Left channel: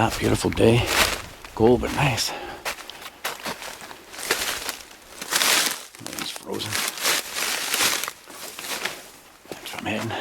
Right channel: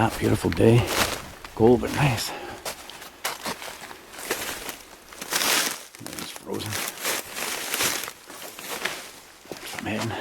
Yeah, beautiful day. Cold but nice. It's frozen. That's where I'm heading.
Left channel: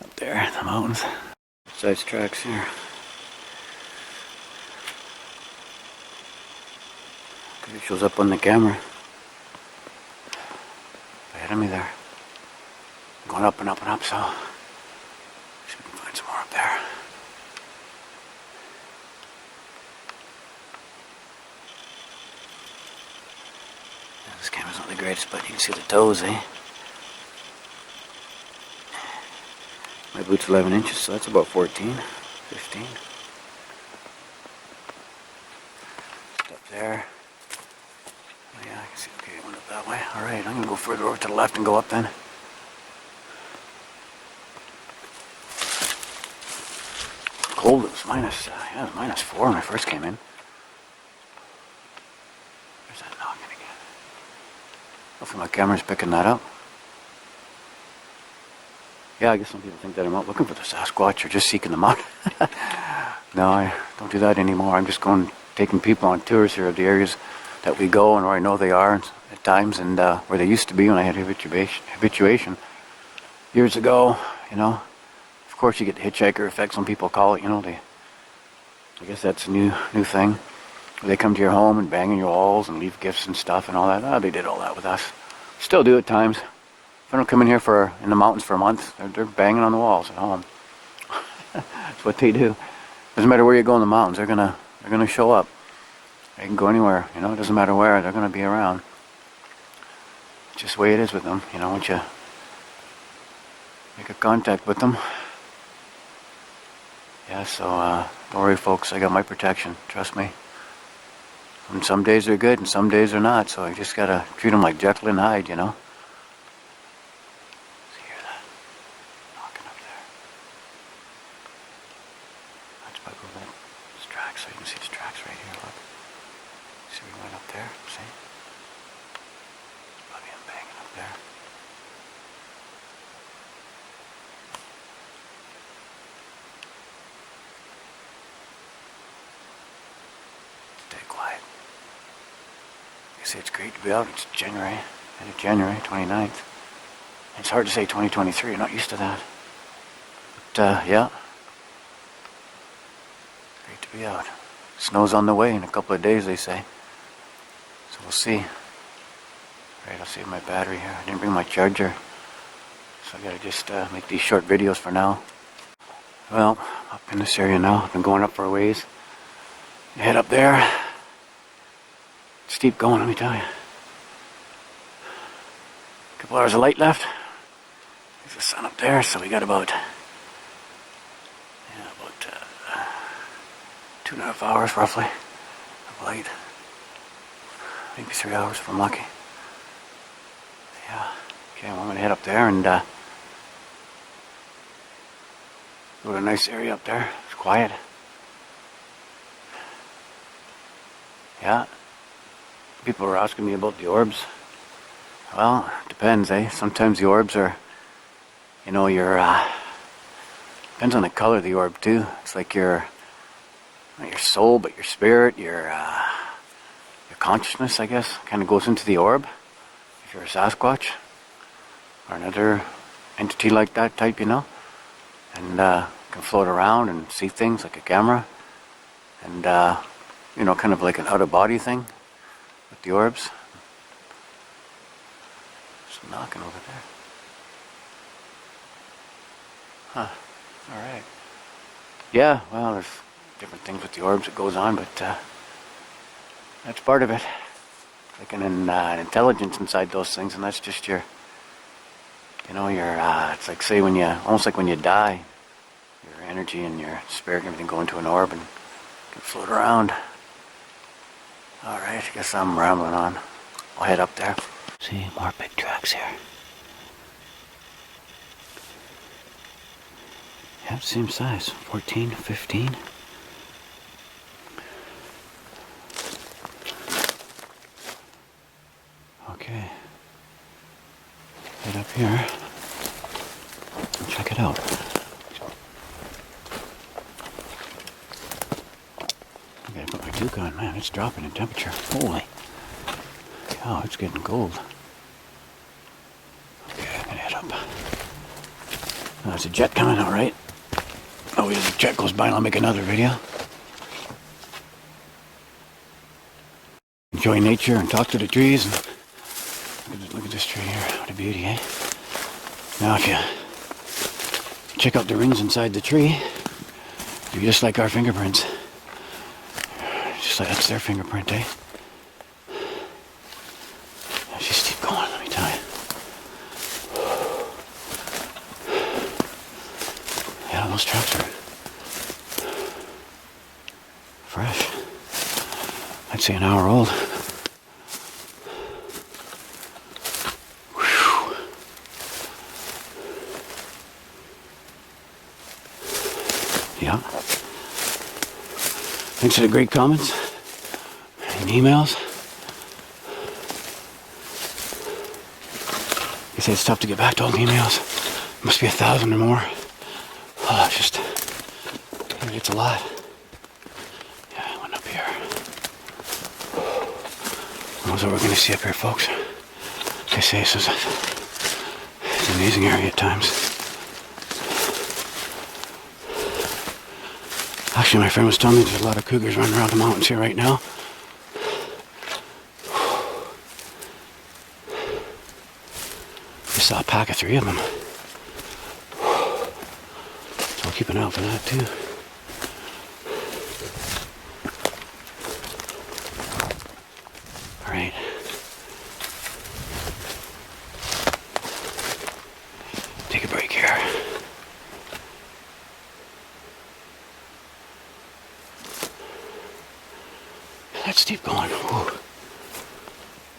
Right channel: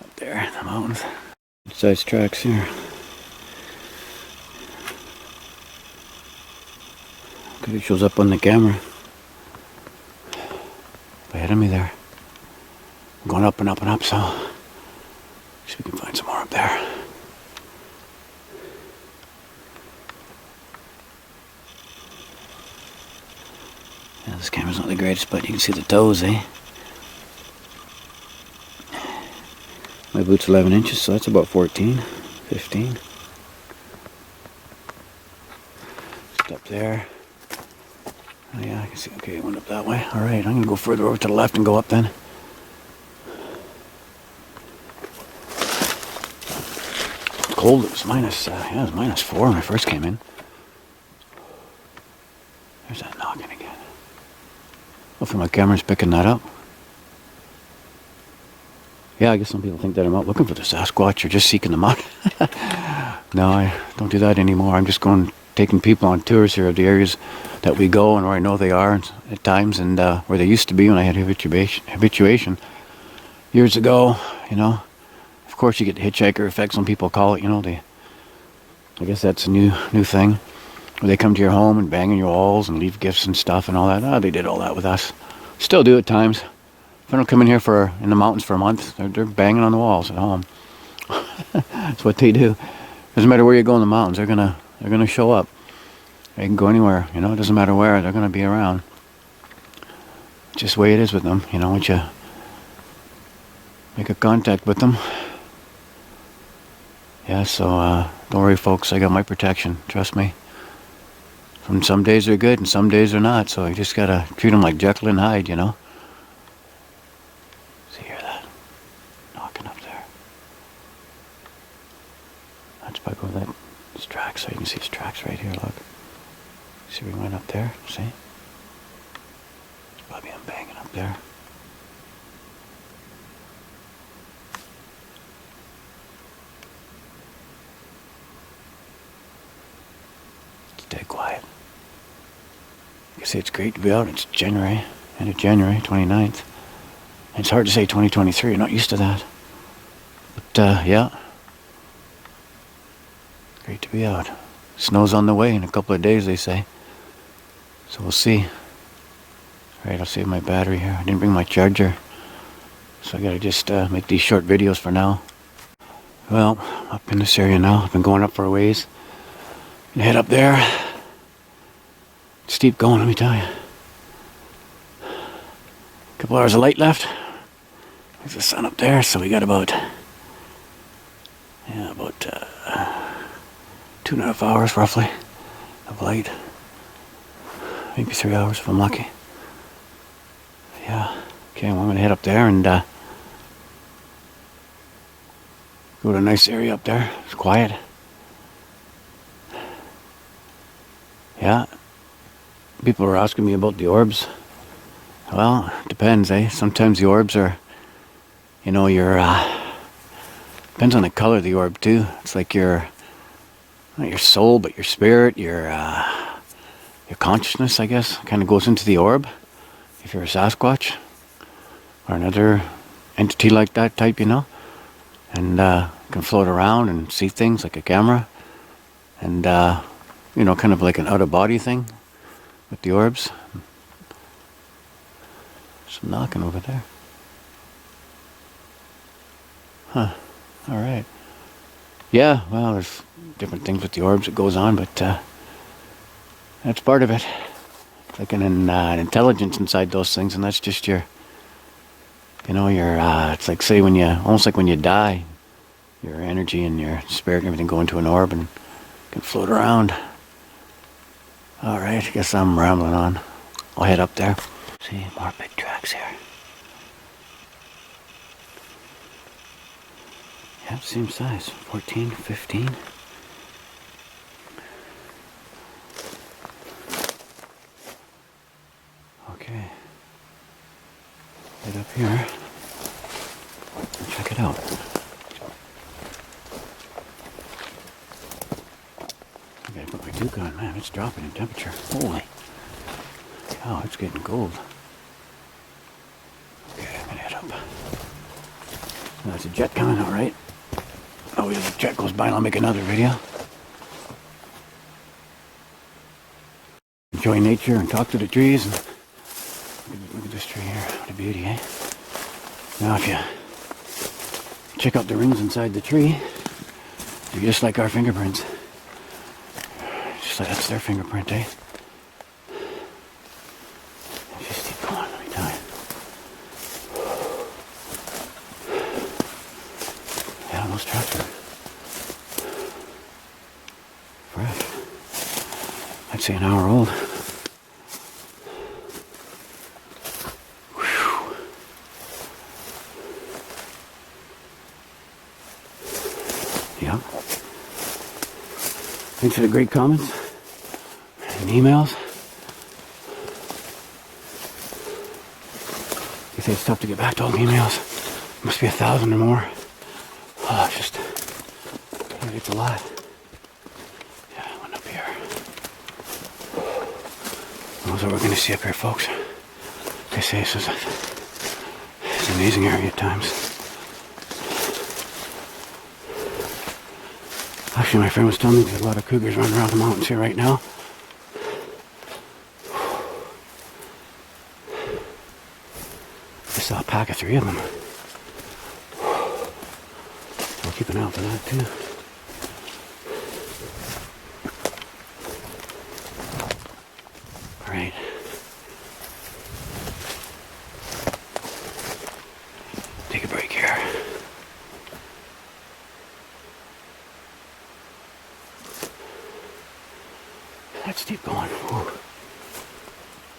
Up there in the mountains. Size tracks here. Because it shows up on the camera. Ahead of me there. I'm going up and up and up, so see if we can find some more up there. Yeah, this camera's not the greatest, but you can see the toes, eh? My boot's 11 inches, so that's about 14, 15. Just up there. Oh yeah, I can see. Okay, it went up that way. Alright, I'm going to go further over to the left and go up then. Cold, it was yeah, it was -4 when I first came in. There's that knocking again. Hopefully my camera's picking that up. Yeah, I guess some people think that I'm out looking for the Sasquatch or just seeking them out. No, I don't do that anymore. I'm just taking people on tours here of the areas that we go and where I know they are at times, and where they used to be when I had habituation years ago, you know. Of course you get the hitchhiker effect, some people call it, you know. I guess that's a new thing. Where they come to your home and bang on your walls and leave gifts and stuff and all that. Oh, they did all that with us. Still do at times. If I don't come in here in the mountains for a month, they're banging on the walls at home. That's what they do. Doesn't matter where you go in the mountains, they're gonna show up. They can go anywhere, you know, it doesn't matter where, they're gonna be around. It's just the way it is with them, you know, once you make a contact with them. Yeah, so don't worry folks, I got my protection, trust me. And some days they're good and some days they're not, so I just gotta treat them like Jekyll and Hyde, you know. See, hear that? Knocking up there. That's probably that. It's tracks, so you can see it's tracks right here, look. See, we went up there, see? It's probably I'm banging up there. Stay quiet. You see, it's great to be out. It's January, end of January 29th. And it's hard to say 2023, you're not used to that. But yeah, great to be out. Snow's on the way in a couple of days, they say. So we'll see. Right, I'll save my battery here. I didn't bring my charger, so I gotta just make these short videos for now. Well, up in this area now. I've been going up for a ways. Head up there. Steep going, let me tell you. A couple hours of light left. There's the sun up there, so we got about 2.5 hours roughly of light. Maybe 3 hours if I'm lucky. Yeah. Okay, well, I'm gonna head up there and go to a nice area up there. It's quiet. Yeah. People were asking me about the orbs. Well, it depends, eh? Sometimes the orbs are, you know, depends on the color of the orb too. It's like not your soul, but your spirit, your consciousness, I guess, kind of goes into the orb. If you're a Sasquatch or another entity like that type, you know, and can float around and see things like a camera, and you know, kind of like an out-of-body thing with the orbs. Just knocking over there. Huh. All right. Yeah, well, there's different things with the orbs that goes on, but that's part of it. It's like an intelligence inside those things, and that's just your, you know, it's like, say, almost like when you die, your energy and your spirit and everything go into an orb and can float around. All right, I guess I'm rambling on. I'll head up there. See, more big tracks here. Yeah, same size, 14, 15. Okay. Head up here. Check it out. Yukon, man, it's dropping in temperature. Holy cow, it's getting cold. Okay, I'm gonna head up. Oh, there's a jet coming, all right. Oh, if the jet goes by, and I'll make another video. Enjoy nature and talk to the trees. And look at this tree here. What a beauty, eh? Now, if you check out the rings inside the tree, they're just like our fingerprints. Just like that's their fingerprint, eh? Just keep going, let me tell you. Yeah, those tracks are fresh. I'd say an hour old. Whew. Yeah. Thanks for the great comments and emails. You say it's tough to get back to all the emails. Must be 1,000 or more. Oh, it's a lot. Yeah, I went up here. That's what we're going to see up here, folks. They say it's an amazing area at times. Actually, my friend was telling me there's a lot of cougars running around the mountains here right now. I saw a pack of 3 of them. So I'll keep an eye out for that too. Alright. Take a break here. That's steep going. Whew.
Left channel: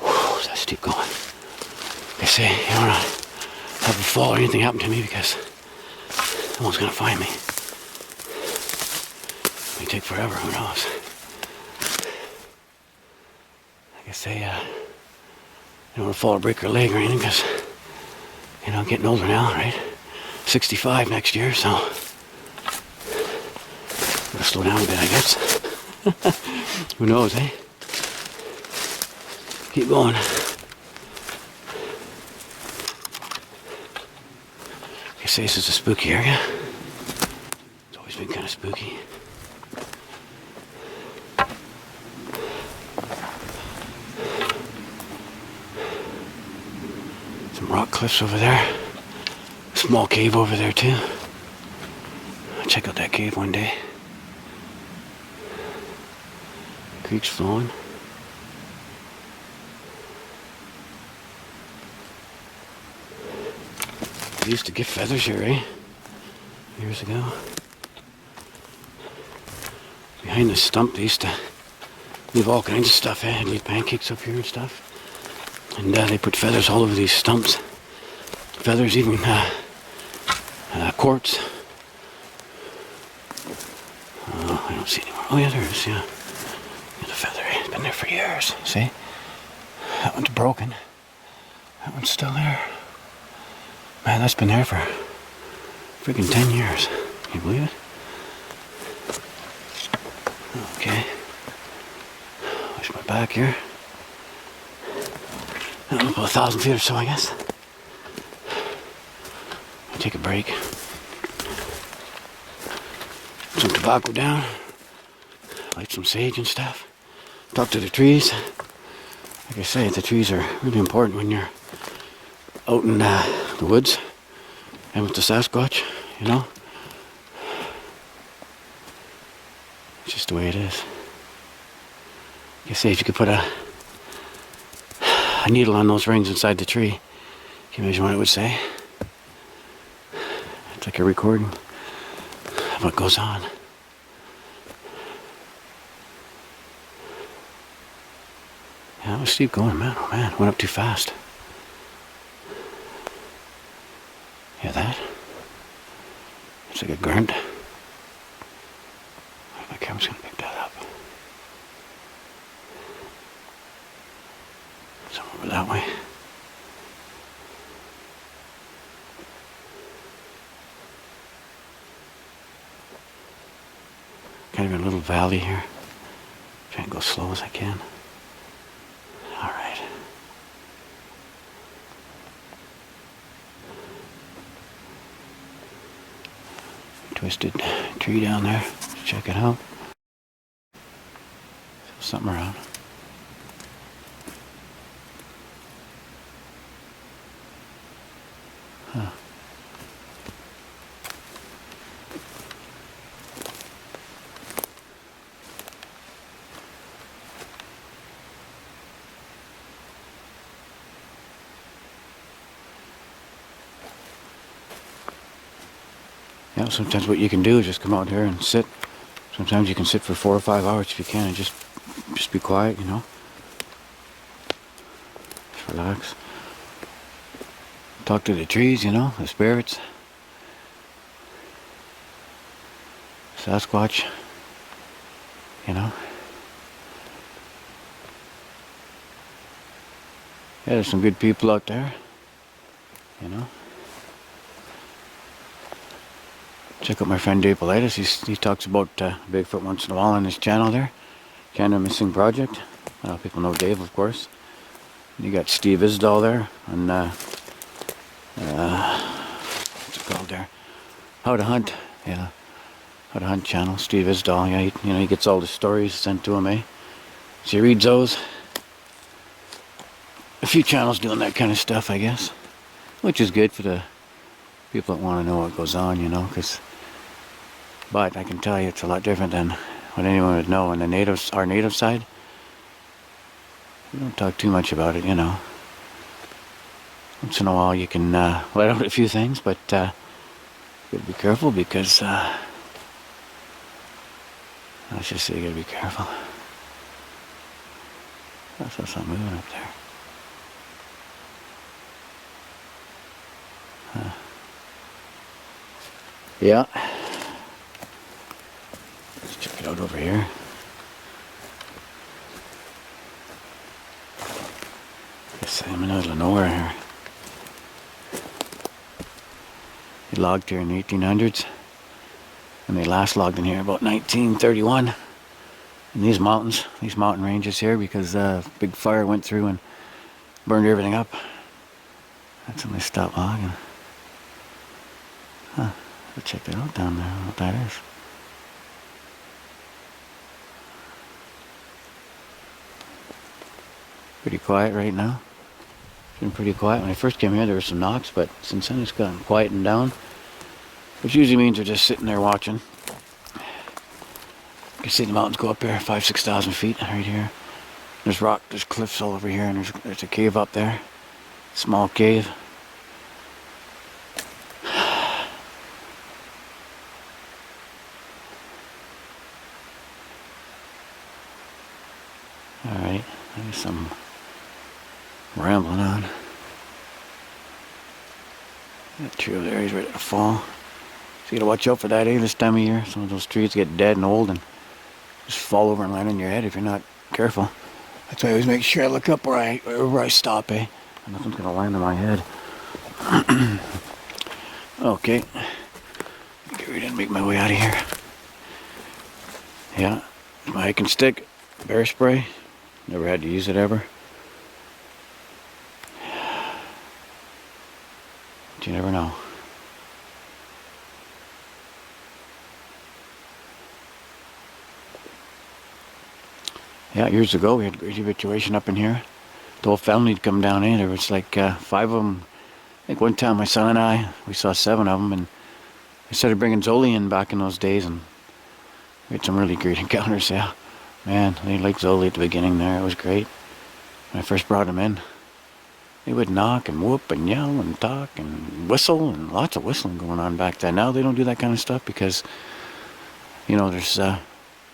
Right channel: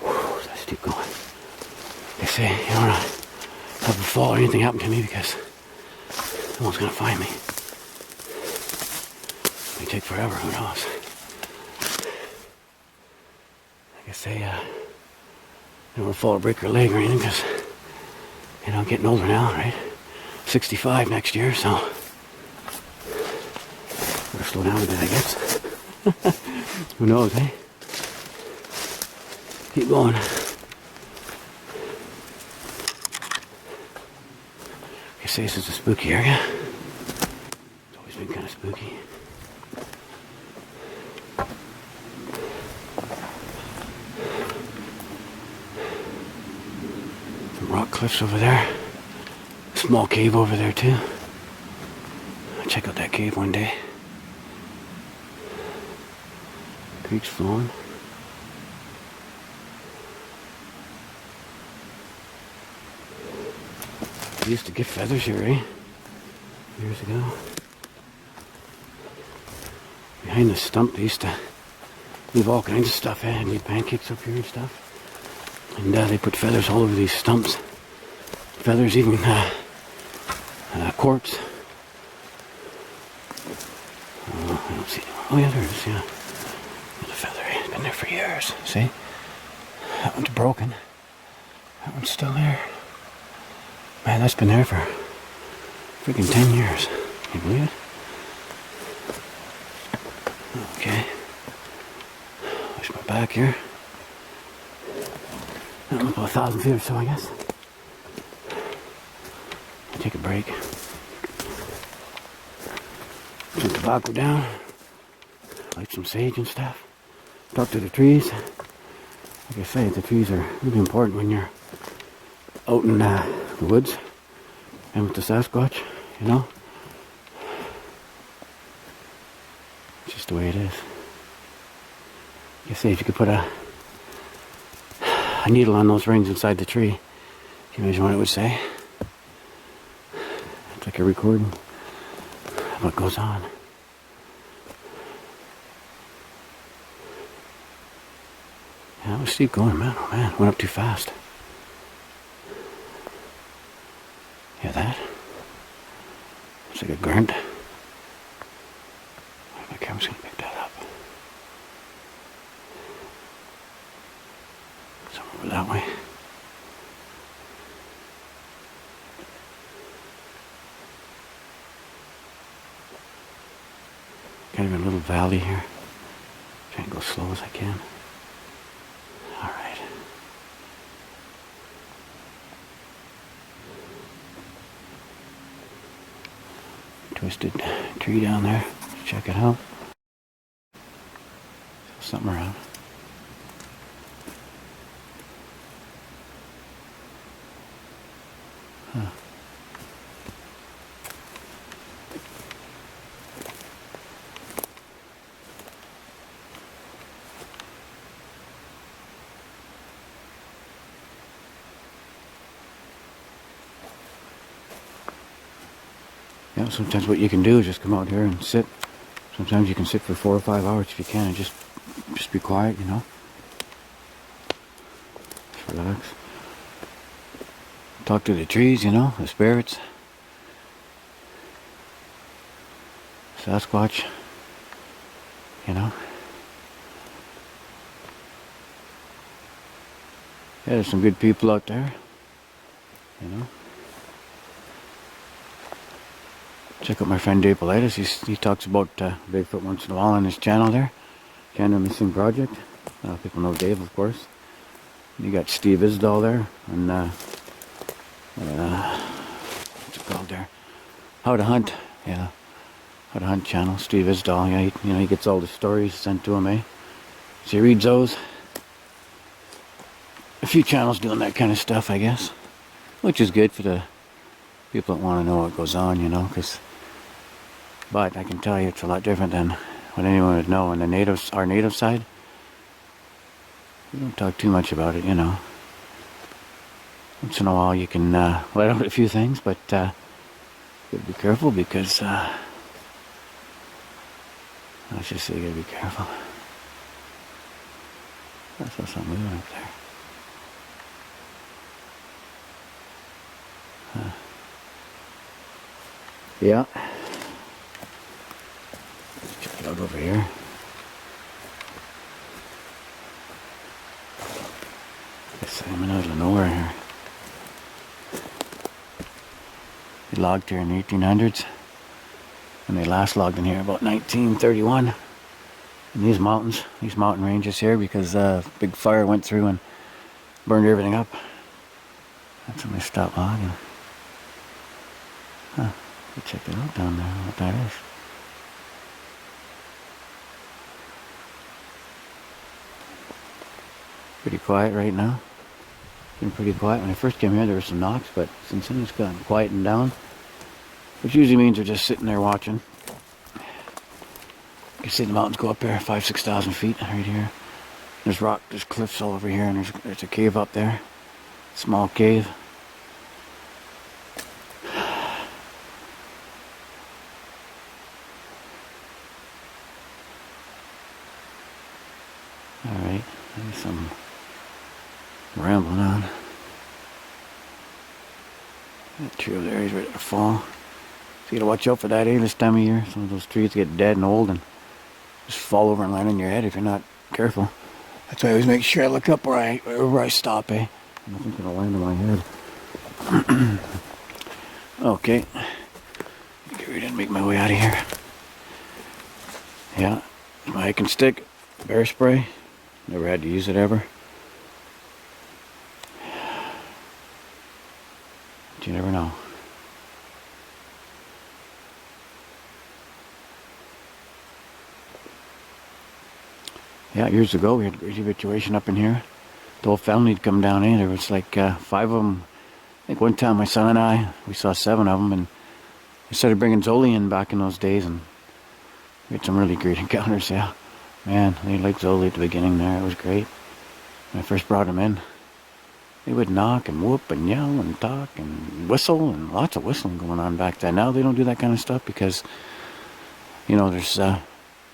Whew, that's steep going. They say you don't want to have a fall or anything happen to me because someone's going to find me. It may take forever, who knows. Like I say, I don't want to fall or break your leg or anything because, you know, I'm getting older now, right? 65 next year, so I'm going to slow down a bit, I guess. Who knows, eh? Keep going. They say this is a spooky area. It's always been kind of spooky. Some rock cliffs over there. A small cave over there too. I'll check out that cave one day. Creek's flowing. They used to get feathers here, eh? Years ago. Behind the stump, they used to leave all kinds of stuff, eh? They'd leave pancakes up here and stuff. And they put feathers all over these stumps. Feathers, even quartz. Oh, I don't see anymore. Oh yeah, there is, yeah. There's a feather, eh? It's been there for years, see? That one's broken. That one's still there. Man, that's been there for freaking 10 years. Can you believe it? Okay. Watch my back here. About 1,000 feet or so, I guess. I'll take a break. Put some tobacco down. Light some sage and stuff. Talk to the trees. Like I say, the trees are really important when you're out in the woods and with the Sasquatch, you know. It's just the way it is. Like I say, if you could put a needle on those rings inside the tree, can you imagine what it would say? It's like a recording of what goes on. Yeah, let's keep going, man. Oh man, went up too fast. Hear that? It's like a grunt. My camera's gonna pick that up. Somewhere over that way. Kind of a little valley here. Try and go slow as I can. All right. Twisted tree down there. Let's check it out. Feel something around. Huh. Yeah, sometimes what you can do is just come out here and sit. Sometimes you can sit for 4 or 5 hours if you can and just be quiet, you know. Just relax. Talk to the trees, you know, the spirits. Sasquatch, you know. Yeah, there's some good people out there, you know. Check out my friend Dave Politis. He talks about Bigfoot once in a while on his channel there. Canada Missing Project. People know Dave, of course. And you got Steve Isdall there on what's it called there? How to Hunt. Yeah, How to Hunt channel. Steve Isdall. Yeah, he gets all the stories sent to him, eh? So he reads those. A few channels doing that kind of stuff, I guess, which is good for the people that want to know what goes on, you know, but I can tell you it's a lot different than what anyone would know. On the our native side, we don't talk too much about it, you know. Once in a while you can let out a few things, but you gotta be careful because let's just say you gotta be careful. I saw something moving up there. Yeah. Let's check it out over here. Guess I'm in the middle of nowhere here. They logged here in the 1800s, and they last logged in here about 1931 in these mountains, these mountain ranges here, because a big fire went through and burned everything up. That's when they stopped logging. Huh. We'll check that out down there, what that is. Pretty quiet right now. It's been pretty quiet. When I first came here there were some knocks, but since then it's gotten quietened down. Which usually means they're just sitting there watching. You can see the mountains go up there, 5,000-6,000 feet right here. There's there's cliffs all over here, and there's a cave up there. Small cave. Alright, there's some rambling on. That tree over there is ready to fall. So you gotta watch out for that, this time of year. Some of those trees get dead and old and just fall over and land on your head if you're not careful. That's why I always make sure I look up wherever I stop, eh? Nothing's gonna land on my head. Okay. Get ready to make my way out of here. Yeah, my hiking stick, bear spray. Never had to use it ever. But you never know. Yeah, years ago we had a great evacuation up in here. The whole family had come down in. There was like 5 of them. I think one time my son and I, we saw 7 of them, and I started bringing Zoli in back in those days, and we had some really great encounters. Yeah, man, they liked Zoli at the beginning there. It was great. When I first brought him in, they would knock and whoop and yell and talk and whistle, and lots of whistling going on back then. Now they don't do that kind of stuff because, you know, there's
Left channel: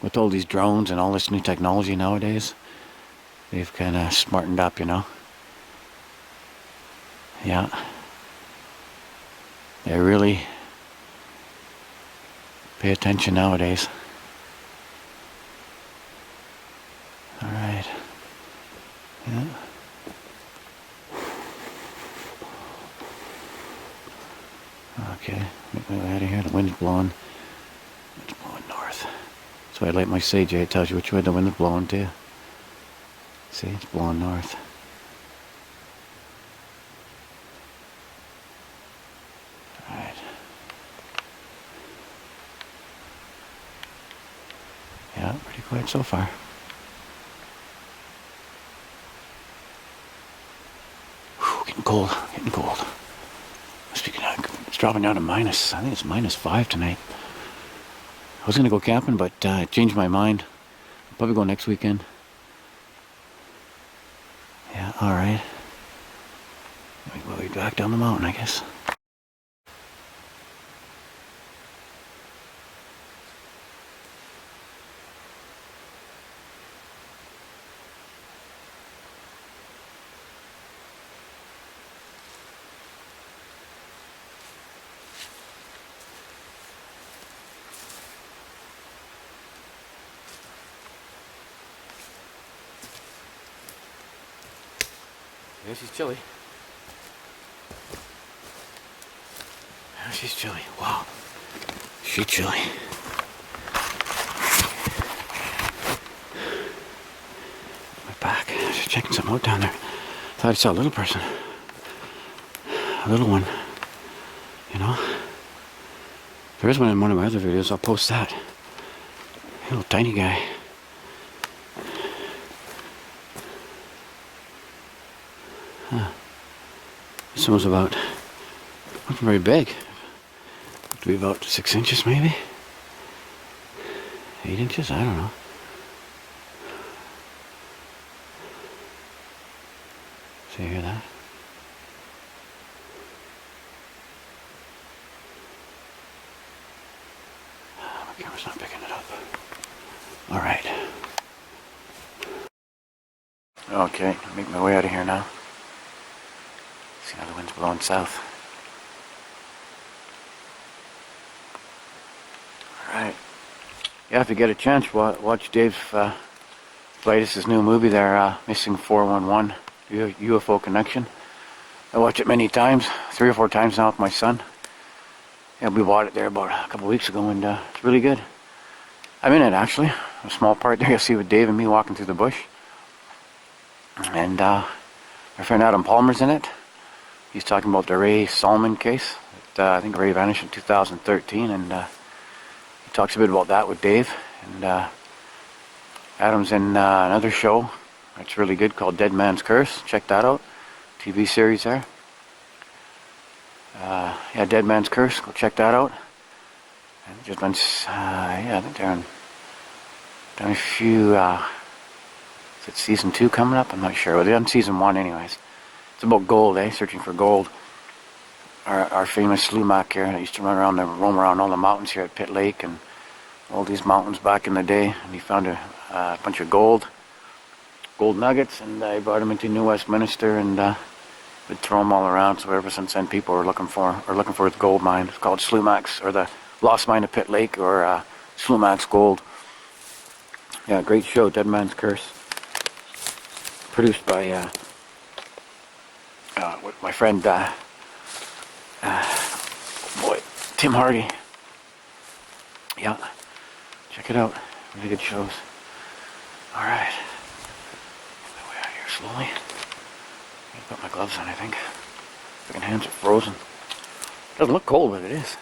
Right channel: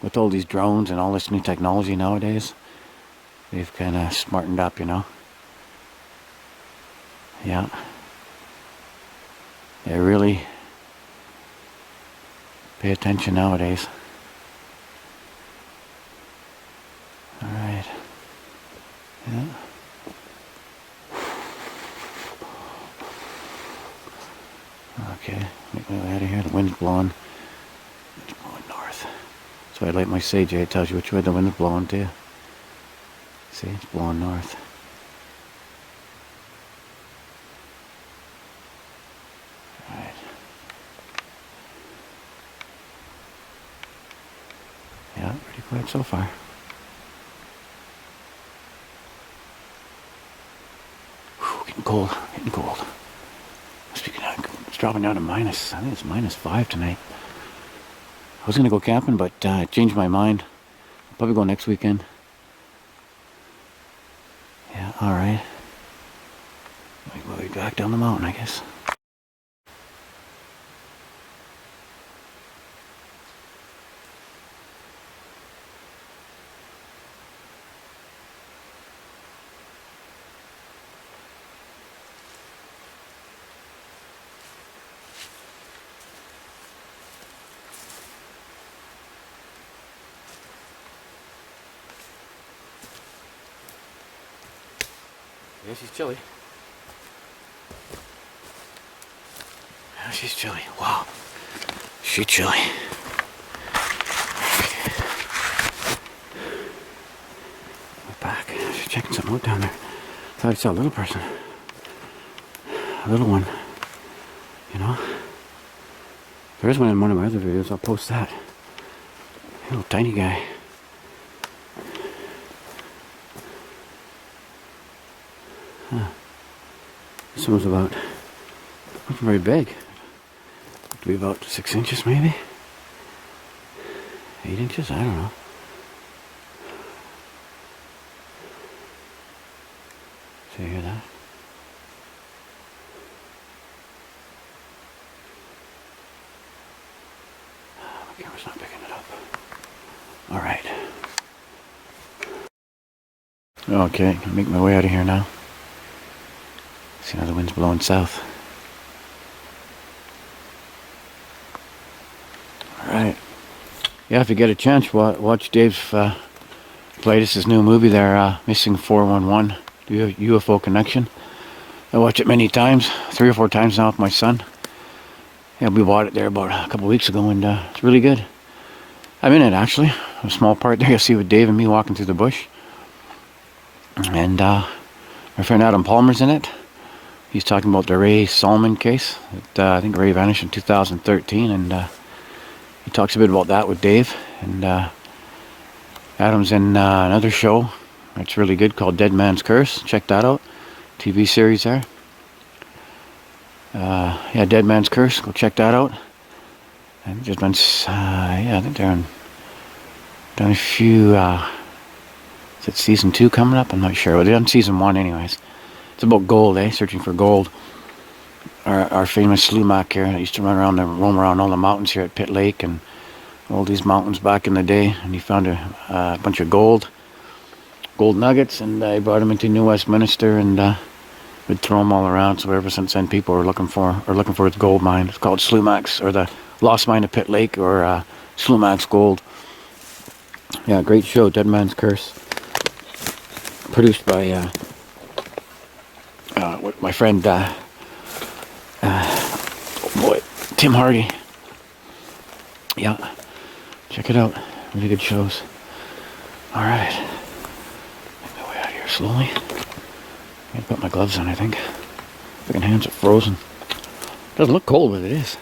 with all these drones and all this new technology nowadays, they've kind of smartened up, you know. Yeah. They really pay attention nowadays. Alright. Yeah. Okay, make my way out of here. The wind's blowing. It's blowing north. That's why I light my sage. It tells you which way the wind's blowing too. See, it's blowing north. Alright. Yeah, pretty quiet so far. Whew, getting cold, getting cold. Speaking of, it's dropping down to minus, I think it's -5 tonight. I was gonna go camping, but I changed my mind. I'll probably go next weekend. Yeah, alright. We'll be back down the mountain, I guess. Yeah, she's chilly. Yeah, she's chilly. Wow. She's chilly. My back. She's checking something out down there. Thought I saw a little person. A little one. You know? There is one in one of my other videos. I'll post that. A little tiny guy. Huh. This one was about, wasn't very big. It to be about 6 inches maybe? 8 inches? I don't know. So you hear that? My camera's not picking it up. Alright. Okay, I can make my way out of here now. See how the wind's blowing south. Alright. Yeah, if you get a chance, watch Dave's latest, his new movie there, Missing 411, UFO Connection. I watch it many times, 3 or 4 times now with my son. Yeah, we bought it there about a couple weeks ago, and it's really good. I'm in it actually, a small part there. You'll see with Dave and me walking through the bush. And my friend Adam Palmer's in it. He's talking about the Ray Solomon case. I think Ray vanished in 2013, and he talks a bit about that with Dave. And Adam's in another show that's really good called Dead Man's Curse. Check that out. TV series there. Yeah, Dead Man's Curse. Go check that out. And just been, yeah, I think they're done a few. Is it season 2 coming up? I'm not sure. Well, they're on season 1 anyways. It's about gold, searching for gold. Our famous Slumac here that used to roam around all the mountains here at Pitt Lake and all these mountains back in the day, and he found a bunch of gold nuggets, and he brought them into New Westminster and would throw them all around. So ever since then, people are looking for his gold mine. It's called Slumac's, or the Lost Mine of Pitt Lake, or Slumac's Gold. Yeah, great show, Dead Man's Curse. Produced by my friend, oh boy, Tim Hardy. Yeah, check it out. Really good shows. Alright. Make my way out of here slowly. I've got my gloves on, I think. Freaking hands are frozen. Doesn't look cold, but it is.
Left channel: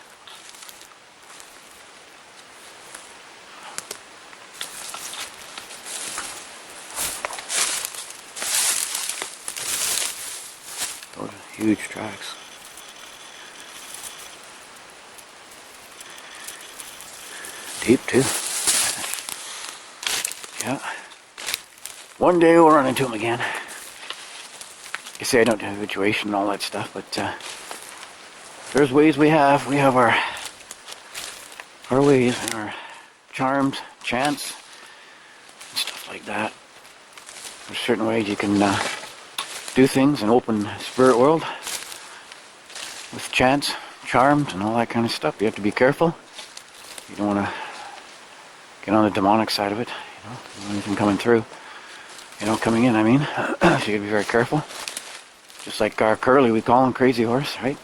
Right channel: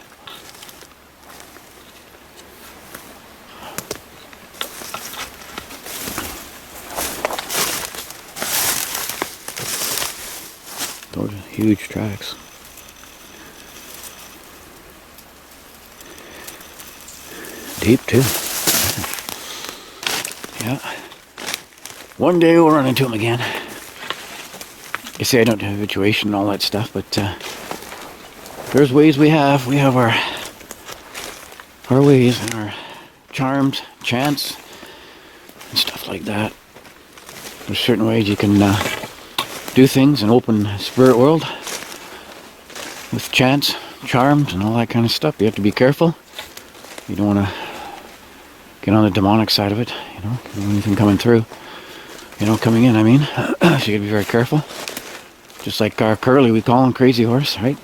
Those are huge tracks. Deep too. Yeah. One day we'll run into them again. I say I don't have habituation and all that stuff, but there's ways we have. We have our ways and our charms, chants, and stuff like that. There's certain ways you can do things in open spirit world with chants, charms, and all that kind of stuff. You have to be careful. You don't want to get on the demonic side of it, you know, anything coming through, you know, coming in, I mean. So you got to be very careful. Just like our Curly, we call him Crazy Horse, right?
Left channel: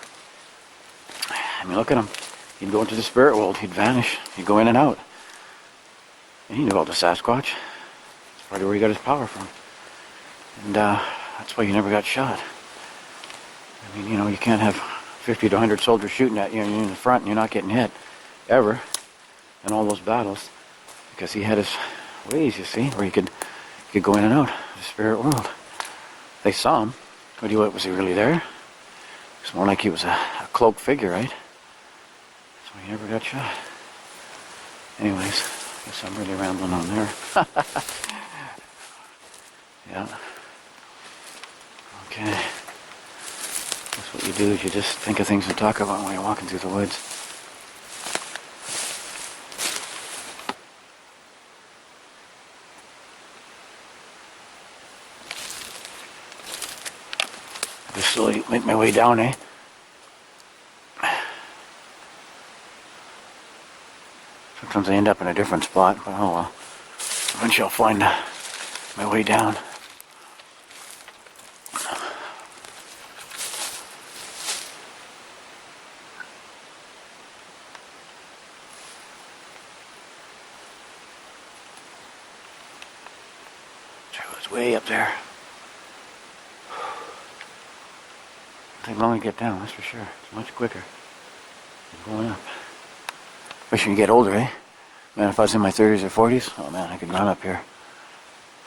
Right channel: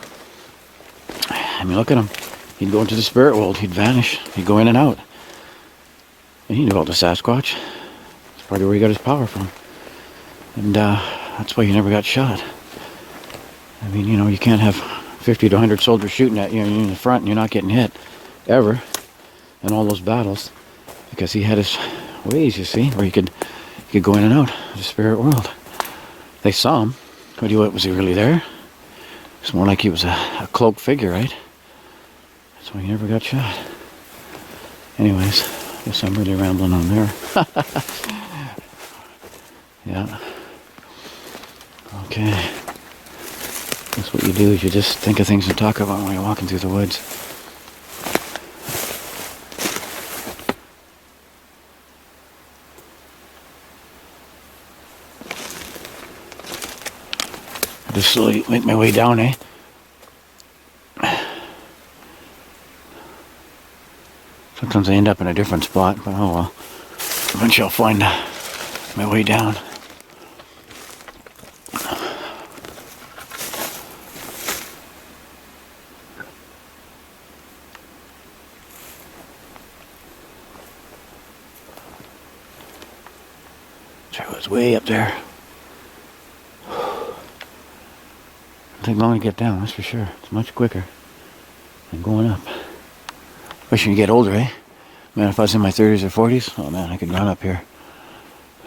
I mean, look at him. He'd go into the spirit world, he'd vanish, he'd go in and out. And he knew about the Sasquatch. That's probably where he got his power from. And that's why he never got shot. I mean, you know, you can't have 50 to 100 soldiers shooting at you in the front and you're not getting hit. Ever. In all those battles. Because he had his ways, you see, where he could go in and out of the spirit world. They saw him. But was he really there? It's more like he was a cloaked figure, right? So he never got shot. Anyways, I guess I'm really rambling on there. Yeah. Okay. That's what you do, is you just think of things to talk about when you're walking through the woods. I just slowly make my way down, eh? Sometimes I end up in a different spot, but oh well. Eventually I'll find my way down. So it was way up there. It'll take long to get down, that's for sure. It's much quicker than going up. Especially when you get older, eh? Man, if I was in my 30s or 40s, oh man, I could run up here.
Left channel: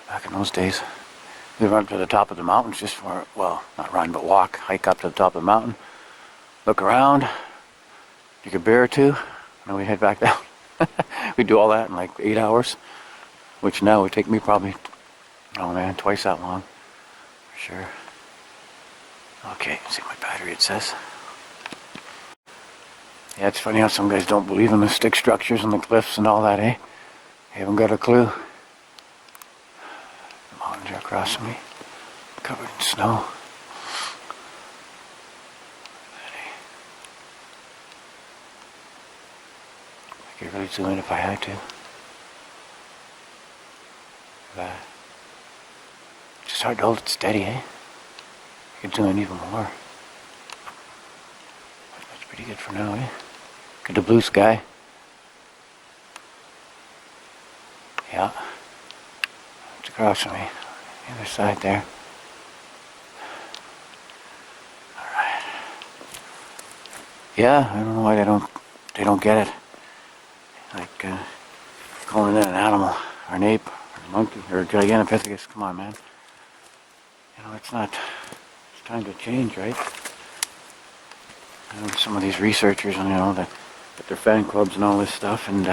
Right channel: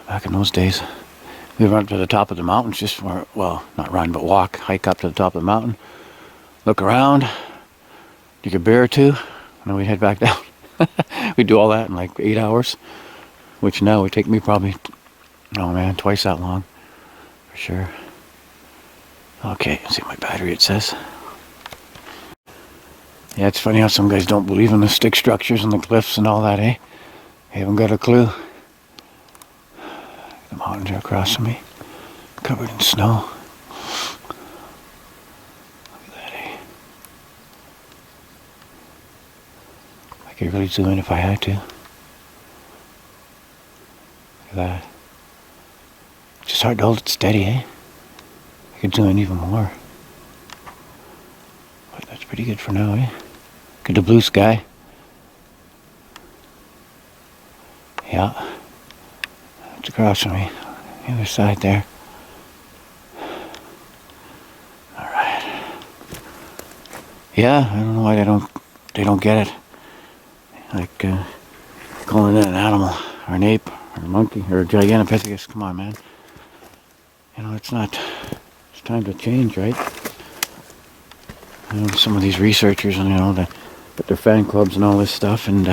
Back in those days. We'd run up to the top of the mountains just for, well, not run, but walk, hike up to the top of the mountain, look around, drink a beer or two, and then we'd head back down. We'd do all that in like 8 hours, which now would take me probably, oh man, twice that long, for sure. Okay, let's see my battery, it says. Yeah, it's funny how some guys don't believe in the stick structures and the cliffs and all that, eh? They haven't got a clue. The mountains are across from me, covered in snow. I could really zoom in if I had to. Look at that. It's just hard to hold it steady, eh? I could zoom in even more. But that's pretty good for now, eh? Look at the blue sky. Yeah. It's across from me. The other side there. Alright. Yeah, I don't know why they don't get it. Like calling it an animal or an ape or a monkey or a gigantopithecus. Come on, man. You know, it's time to change, right? You know, some of these researchers, and you know, with their fan clubs and all this stuff, and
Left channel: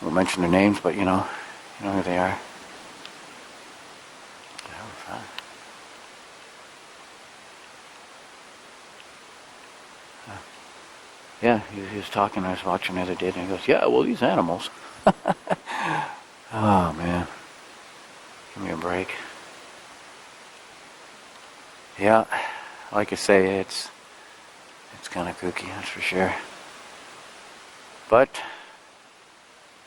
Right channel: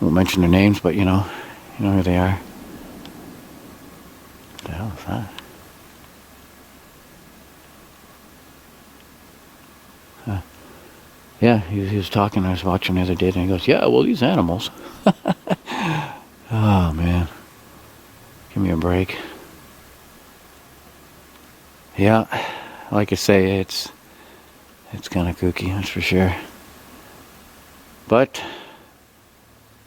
won't mention their names, but you know who they are. What the hell is that? Huh. Yeah, he was talking. I was watching the other day, and he goes, "Yeah, well, these animals." Oh man, give me a break. Yeah, like I say, it's kind of kooky, that's for sure. But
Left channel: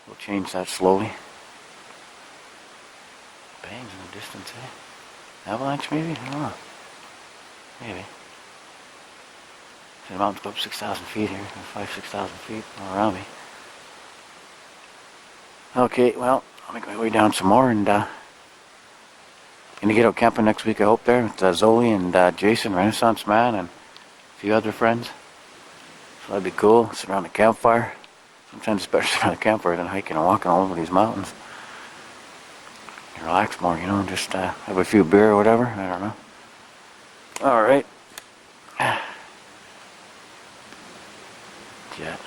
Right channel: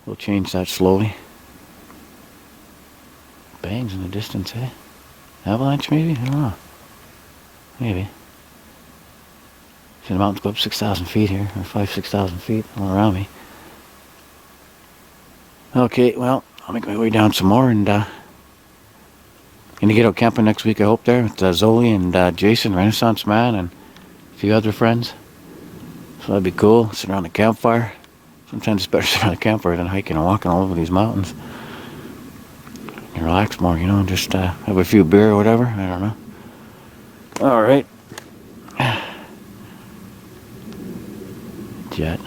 we'll change that slowly. Bangs in the distance, eh? Avalanche, maybe? I don't know. Maybe. See, the mountains go up 6,000 feet here, 6,000 feet all around me. Okay, well, I'll make my way down some more, and gonna get out camping next week, I hope, there with Zoe and Jason, Renaissance Man, and a few other friends. So that'd be cool. Sit around the campfire. Sometimes it's better to sit around the campfire than hiking and walking all over these mountains. You relax more, you know, and just have a few beer or whatever. I don't know. All right. Jet.